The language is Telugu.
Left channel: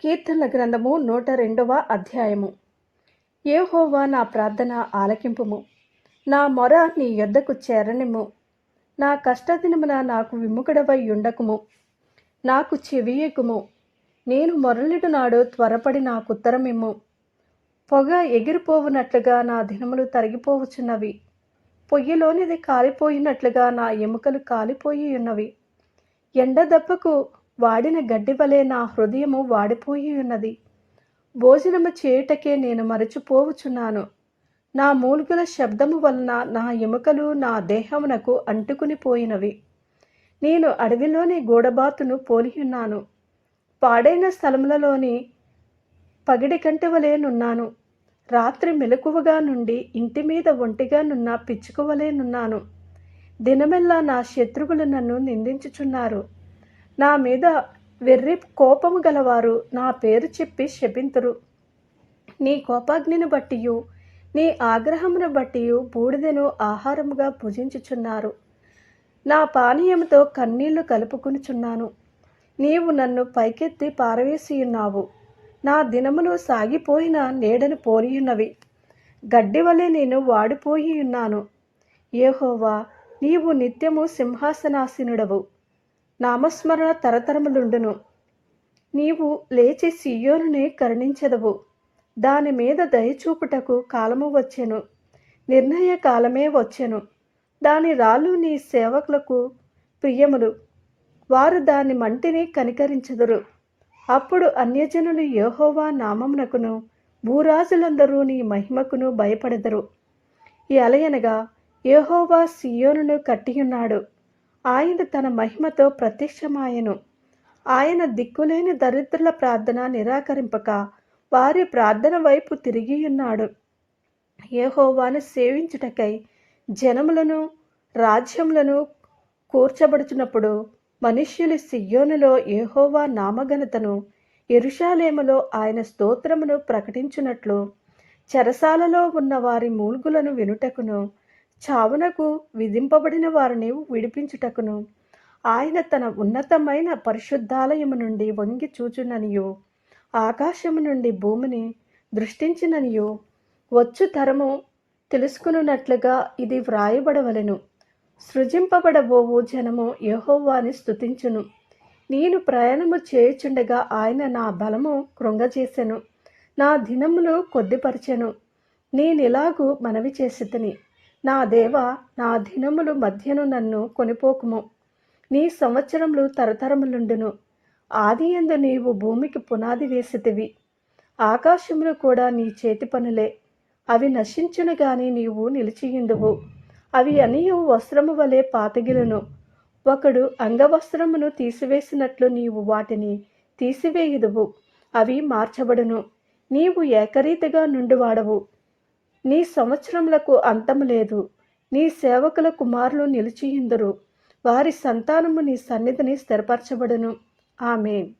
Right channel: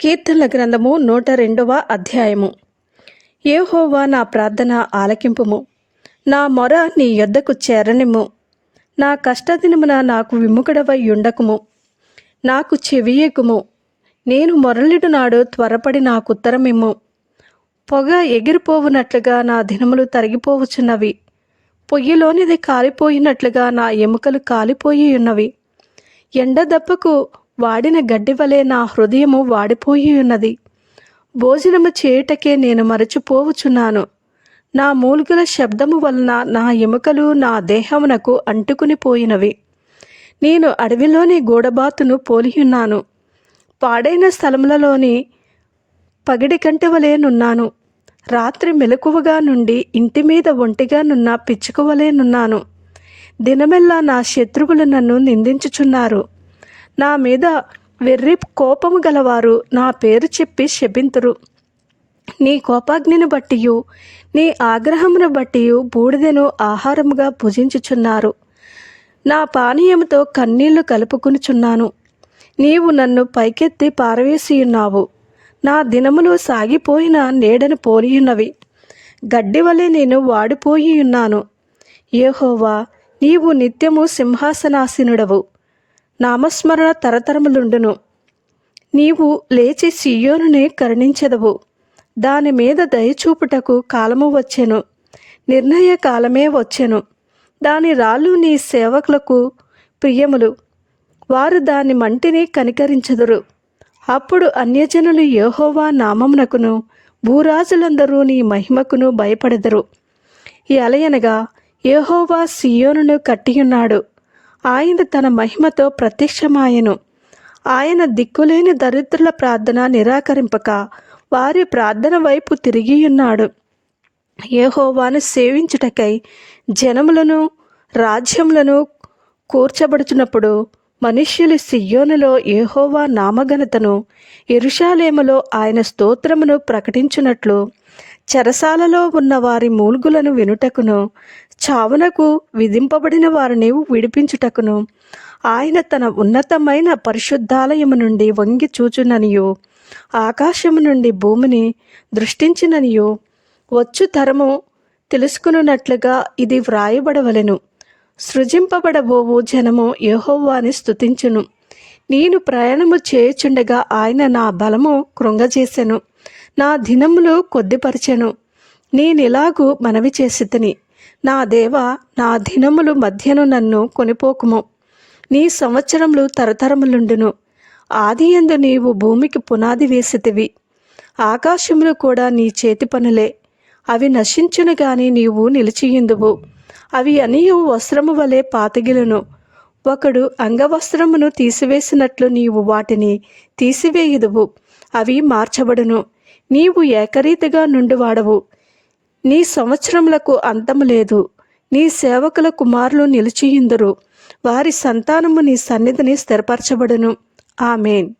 కీర్తనల గ్రంథము నూట రెండవ అధ్యాయము. ఏహోవా నా ప్రార్థన ఆలకింపుము. నా మొర నీ యొద్దకు చేరనిము నా కష్టదినమున నాకు విముఖుడవై ఉండకుము. నాకు చెవియకుము నేను మొరలిడు నాడు త్వరపడి నాకు ఉత్తరమిమ్ము. పొగ ఎగిరిపోవునట్లుగా నా దినములు తరిగిపోవచ్చున్నవి పొయ్యిలోనిది కాలిపోయినట్లుగా నా ఎముకలు కాలిపోయి ఉన్నవి ఎండ దెబ్బకు వాడిన గడ్డి వలె నా హృదయము వాడిపోయి ఉన్నది. భోజనము చేయుటకే నేను మరచిపోవుచున్నాను నా మూలుగుల శబ్దము వలన నా ఎముకలు నా దేహమునకు అంటుకుని పోయినవి. నేను అడవిలోని గూడబాతును పోలియున్నాను. పాడైన స్థలములలోని పగిడి కంటి వలె నున్నాను. రాత్రి మెలకువగా నుండి ఇంటి మీద ఒంటిగా నున్న పిచ్చుక నున్నాను. దినమెల్లా నా శత్రువులు నన్ను నిందించుచున్నారు. నా మీద వెర్రి కోపము గలవారు నా పేరు చెప్పి శపింతురు. నీ కోపాగ్నిని బట్టియు నీ ఆగ్రహమును బట్టియు బూడిదను ఆహారముగా భుజించుచున్నారు. నా పానీయముతో కన్నీళ్ళు కలుపుకునుచున్నాను. నీవు నన్ను పైకెత్తి పారవేసియున్నావు. నా దినములు సాగిపోయిన నీడను పోలియున్నవి గడ్డి వలె నేను వాడిపోయి ఉన్నాను ఏహోవా నీవు నిత్యము సింహాసనాసీనుడవు. నామస్మరణ తరతరములుండును. నీవు లేచి సియోనుని కరుణించదవు. దాని మీద దయచూపుటకు కాలము వచ్చెను. నిర్ణయ కాలమే వచ్చెను. దాని రాళ్ళు నీ సేవకులకు ప్రియములు. వారు దాని మంటిని కనికరించదురు. అప్పుడు అన్యజనులు యహోవా నామమునకును భూరాజులందరూ నీ మహిమకును భయపడెదరు. అలయనగా యహోవా సియోనును కట్టియున్నాడు. ఆయన తన మహిమతో ప్రత్యక్షమాయను. ఆయన దిక్కులేని దరిద్రుల ప్రార్థన నిరాకరింపక వారి ప్రార్థన వైపు తిరిగియున్నాడు. ఏహోవాను సేవించుటకై జనములను రాజ్యములను కూర్చబడుచున్నప్పుడు మనుష్యులు సియోనులో ఏహోవా నామఘనతను ఎరుషాలేములో ఆయన స్తోత్రమును ప్రకటించున్నట్లు చెరసాలలో ఉన్న వారి మూల్గులను వినుటకును చావునకు విధింపబడిన వారిని విడిపించుటకును. ఆయన తన ఉన్నతమైన పరిశుద్ధాలయము నుండి వంగి చూచుననియో. ఆకాశము నుండి భూమిని దృష్టించిననియో. వచ్చు తరము తెలుసుకున్నట్లుగా ఇది వ్రాయబడవలెను. సృజింపబడబోవు జనము యహోవాని స్తుతించును. నేను ప్రయాణము చేయుచుండగా ఆయన నా బలము కృంగజేసెను. నా దినములు కొద్దిపరిచెను. నేనిలాగూ మనవి చేసితిని. నా దేవ నా దినములు మధ్యను నన్ను కొనిపోకుము. నీ సంవత్సరములు తరతరములుండును. ఆది ఎందు నీవు భూమికి పునాది వేసితివి. ఆకాశములు కూడా నీ చేతి పనులే. అవి నశించును గాని నీవు నిలిచియుందువు. అవి అనియు వస్త్రము వలె పాతగిలును. ఒకడు అంగవస్త్రమును తీసివేసినట్లు నీవు వాటిని తీసివేయుదువు. అవి మార్చబడును. నీవు ఏకరీతిగా నుండివాడవు. నీ సంవత్సరములకు అంతము లేదు. నీ సేవకుల కుమారులు నిలిచియుందురు. వారి సంతానము నీ సన్నిధిని స్థిరపరచబడును. ఆమెన్.